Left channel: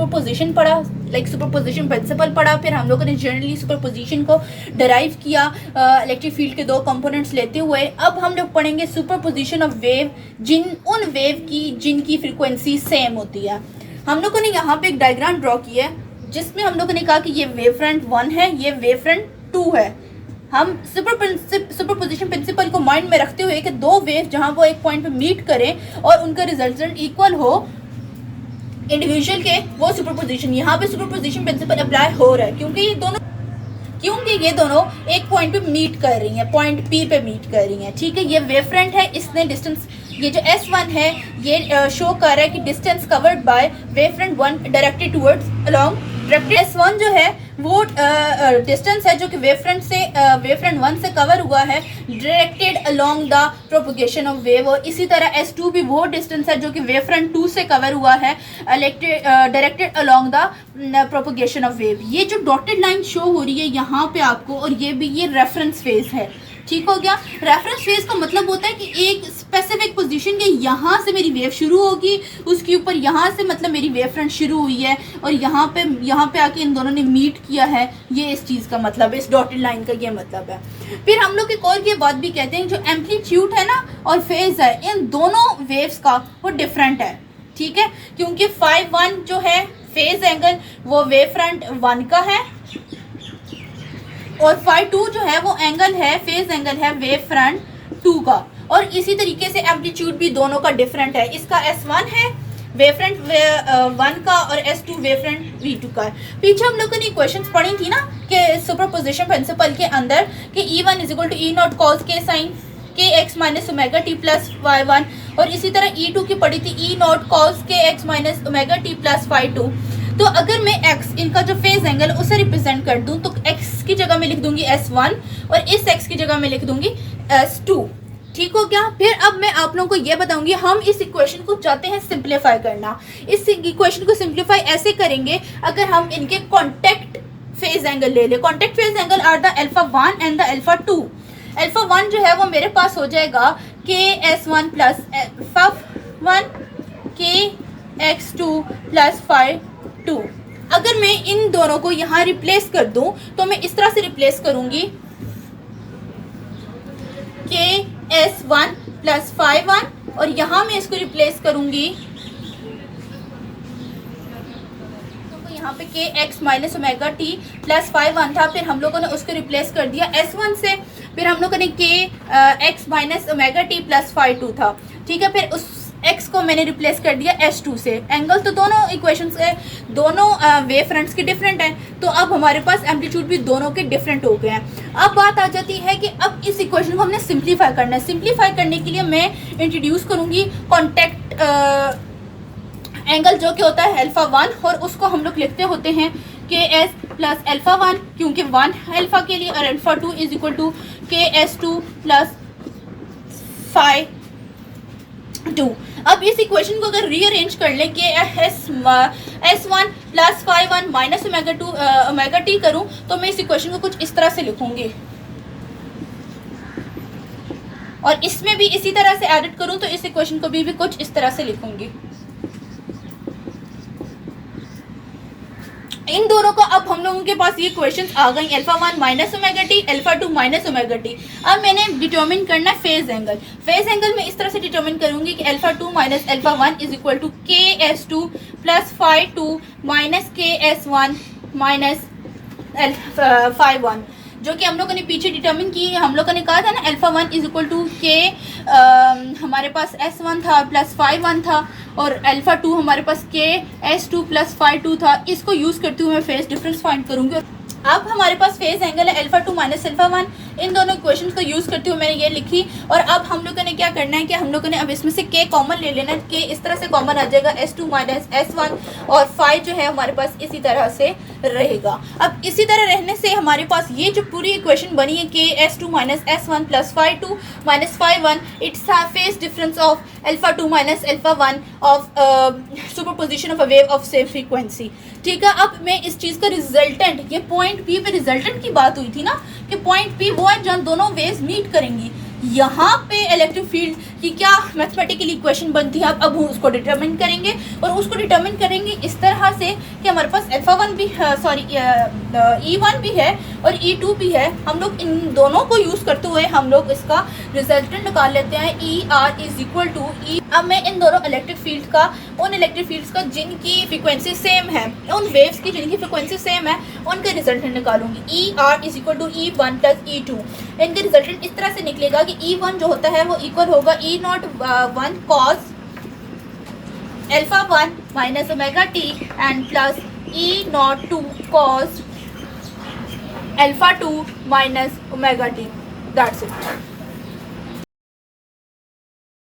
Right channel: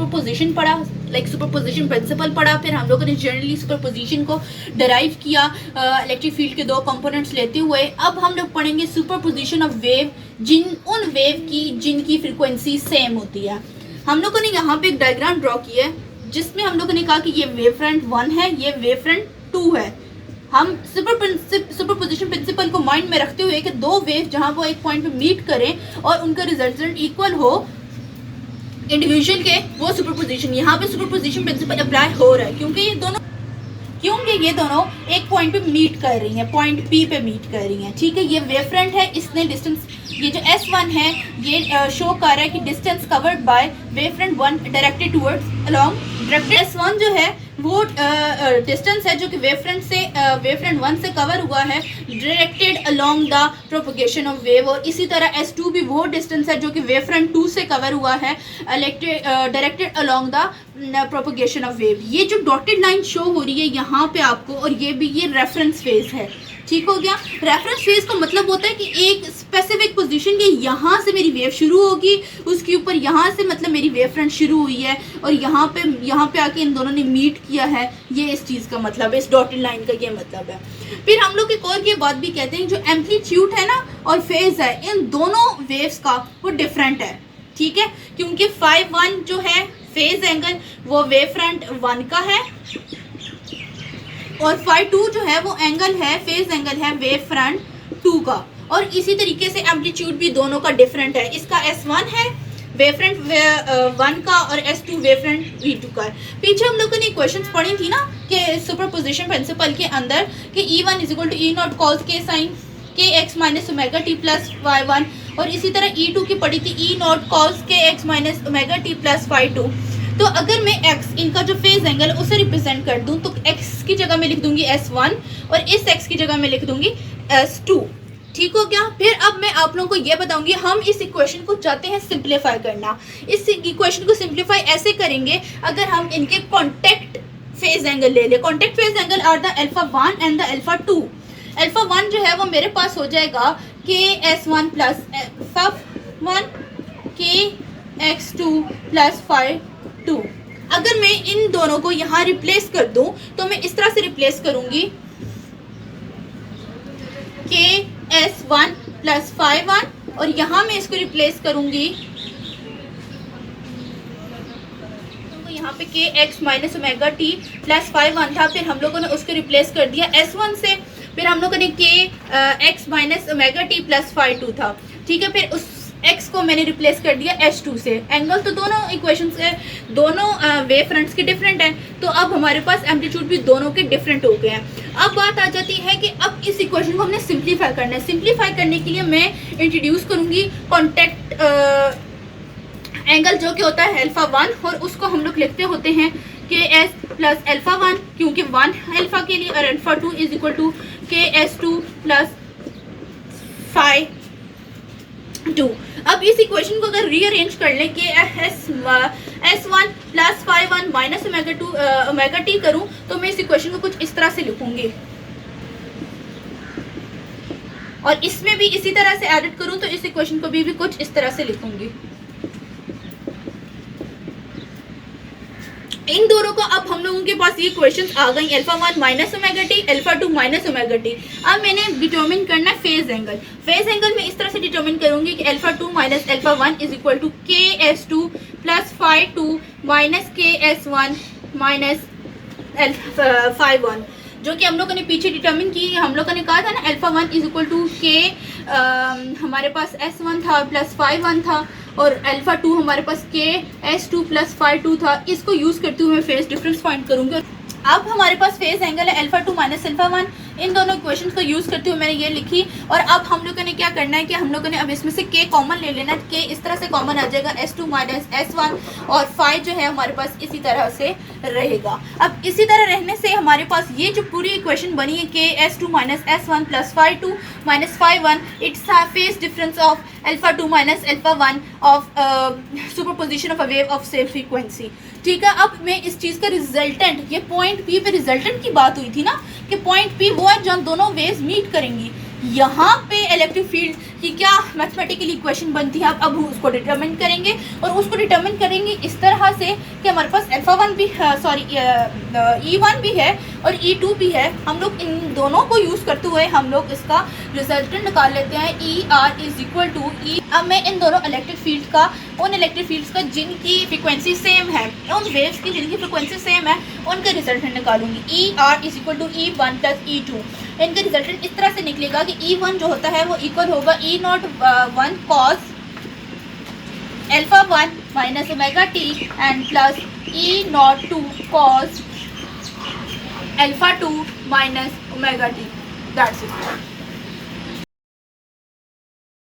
Superposition पढ़ा, like superposition principle पढ़ा, फिर हम लोगों ने जनरली सुपरपोजिशन को डिराइव किया इलेक्ट्रिक फील्ड के दो कंपोनेंट्स लेते हुए। अब हम लोग पढ़ेंगे सुपरपोजिशन ऑफ वेव, उन वेव की जिनकी फ्रीक्वेंसी सेम होती है। हम लोगों ने यहाँ पे एक डायग्राम ड्रॉ किया है जिसमें हम लोगों ने कहा कि ये वेव फ्रंट 1 है, ये वेव फ्रंट 2 है। हम सुपरपोजिशन प्रिंसिपल को माइंड में रखते हुए कि दो वेव जहाँ वो एक पॉइंट पे मीट करें और उनका रिजल्टेंट इक्वल हो इंडिविजुअल के, वो सुपरपोजिशन, यहाँ पे सुपरपोजिशन प्रिंसिपल अप्लाई हो रहा है क्योंकि ये दोनों एक पॉइंट पे मीट कर रही हैं, पॉइंट पी पे मीट कर रही हैं। ठीक है, ये वेव फ्रंट है, इसने डिस्टेंस, ये जो S1 है ये शो कर रहा है कि distance covered by wave front 1 directed towards along directed. S1 जो है वो डिस्टेंस है जो कि वेव फ्रंट 1 से कवर हुआ है directed along the propagation of wave, और इसी तरह S2 भी वो डिस्टेंस है जो कि वेव फ्रंट 2 से कवर हुआ है directed along the propagation of wave. ये जो डॉटेड लाइन शो हो रही है यहाँ पे आपको, और ये रेफरेंस फेज है। ठीक हो गया। रेफरेंस फेज का मतलब होता है कि एक स्पेसिफिक पोजीशन के यहाँ से मेरी वेव शुरू होगी, उसके ऊपर यहाँ से मतलब मेरी वेव फ्रंट शुरू हुई है और यहाँ पे आके इन दोनों ने मीट किया है। ये इस चीज़ का मतलब है, इस डॉटेड लाइन का ये मतलब है। फिर हम लोग एक और ये बात भी कहते हैं, जो एम्पलीट्यूड है ना और फेज है, इन दोनों वेव्स का वो डिफरेंट है। ठीक है, क्योंकि φ1 जो है फेज एंगल वो वेव फ्रंट 1 का है, और φ2 जो है वो एंगल है, फेज एंगल है वेव फ्रंट 2 का। और इसी तरीके से एम्पलीट्यूड भी दोनों का डिफरेंट है। इसका S1 है वेव फ्रंट 1 का और S2 वेव फ्रंट V2 का। पीछे हम लोगों ने क्वेश्चंस पढ़ी थी ना कि सुपरपोजिशन प्रिंसिपल के अंदर कि E1 = E0 cos k sin kx - omega t plus y1, और इसी तरह E2 की पढ़ी थी E0 cos kx - omega t plus y2। तो अगर मैं x, इनका जो फेज एंगल उसे रिप्रेजेंट कर दूं तो x की जगह में लिख दूंगी S1 और इस x की जगह में लिख दूंगी S2। ठीक हो गया। फिर अब मैं आप लोगों को ये बताऊंगी, हम इस इक्वेशन को चाहते हैं सिंप्लीफाई करना। इस इक्वेशन को सिंप्लीफाई ऐसे करेंगे अगर हम इनके कॉन्टेक्ट फेज एंगल ले ले। Contact phase angle are the α1 and the α2। α1 जो है वो मेरे पास हो जाएगा KS1 प्लस φ1 KX2 प्लस φ2। अगर मैं इन दोनों को यहाँ रिप्लेस कर दूं तो मैं इस तरह से रिप्लेस करूंगी KS1 प्लस φ1, और यहाँ मैं इसको रिप्लेस करूंगी तो यहाँ पे kx - ओमेगा t प्लस φ1 था, फिर हम लोगों ने उसको रिप्लेस कर दिया S1 से, फिर हम लोगों ने kx - ओमेगा t प्लस φ2 था। ठीक है, फिर उस x को मैंने रिप्लेस कर दिया S2 से। एंगल तो दोनों इक्वेशंस है, दोनों वेव फ्रंट्स के डिफरेंट हैं, तो अब हमारे पास एम्पलीट्यूड भी दोनों के डिफरेंट हो गए हैं। अब बात आ जाती है कि अब इस इक्वेशन को हमने सिंप्लीफाई करना है। सिंप्लीफाई करने के लिए मैं इंट्रोड्यूस करूंगी कॉन्टेक्ट एंगल जो कि होता है α1, और उसको हम लोग लिखते होते हैं KS प्लस α1, क्योंकि 1 अल्फा के लिए, और α2 = KS2 प्लस φ2। अब इस इक्वेशन को अगर रीअरेंज कर लें कि S1 plus φ1 minus omega t करूं तो मैं इस इक्वेशन को कुछ इस तरह से लिखूंगी, और इसमें भी इसी तरह से एडिट करूं तो इस इक्वेशन को भी कुछ इस तरह से लिखूंगी। इन दोनों को अब हम लोगों के पास ये क्वेश्चंस आ गई, α1 minus omega t, α2 minus omega t. अब मैंने डिटरमिन करना है फेज एंगल। फेज एंगल में इस तरह से डिटरमिन करूंगी कि α2 minus α1 = KS2 plus φ2 minus KS1 minus φ1, जो कि हम लोगों ने पीछे डिटरमिन की। हम लोगों ने कहा था ना α1 = K, हमारे पास S1 था प्लस φ1 था, और α2 हमारे पास KS2 प्लस φ2 था। इसको यूज़ करते हुए मैं फेज डिफरेंस फाइंड करूंगी। अब हमारे पास फेज एंगल है α2 माइनस α1। इन दोनों इक्वेशंस को यूज़ करते हुए मैंने ये लिखी, और अब हम लोगों ने क्या करना है कि हम लोगों ने अब इसमें से K कॉमन ले लेना है। K इस तरह से कॉमन आ जाएगा, S2 माइनस S1, और φ जो है हमारे पास इसी तरह से रहेगा। अब इसी तरह रहने से हमारे पास ये जो पूरी इक्वेशन बनी है KS2 minus S1 plus φ2 minus φ1, it's phase difference of α2 minus α1 of superposition of a wave of same frequency. ठीक है, अब मैं इस चीज़ का रिजल्टेंट, ये पॉइंट P पे रिजल्टेंट की बात हुई थी ना कि पॉइंट P वो है जहाँ दोनों वेव्स मीट करेंगी, यहाँ पे इलेक्ट्रिक फील्ड की क्या मैथमेटिकल इक्वेशन बनती है, अब उसको डिटरमिन करेंगे और उसको डिटरमिन करेंगे इस तरह से कि हमारे पास α1 भी सॉरी E1 भी है और E2 भी है। हम लोग इन दोनों को यूज़ करते हुए हम लोग इसका रिजल्टेंट निकाल लेते हैं ER is equal to E। अब मैं इन दोनों इलेक्ट्रिक फील्ड का, उन इलेक्ट्रिक फील्ड्स का जिनकी फ्रीक्वेंसी सेम है, उन वेव्स की जिनकी फ्रीक्वेंसी सेम है, उनके रिजल्टेंट निकालूंगी। ER is equal to E1 plus E2। इनके रिजल्टेंट इस तरह से निकलेगा कि E1 जो होता है वो इक्वल होगा E01 cos α1 minus omega t and plus E02 cos α2 minus omega t. That's it.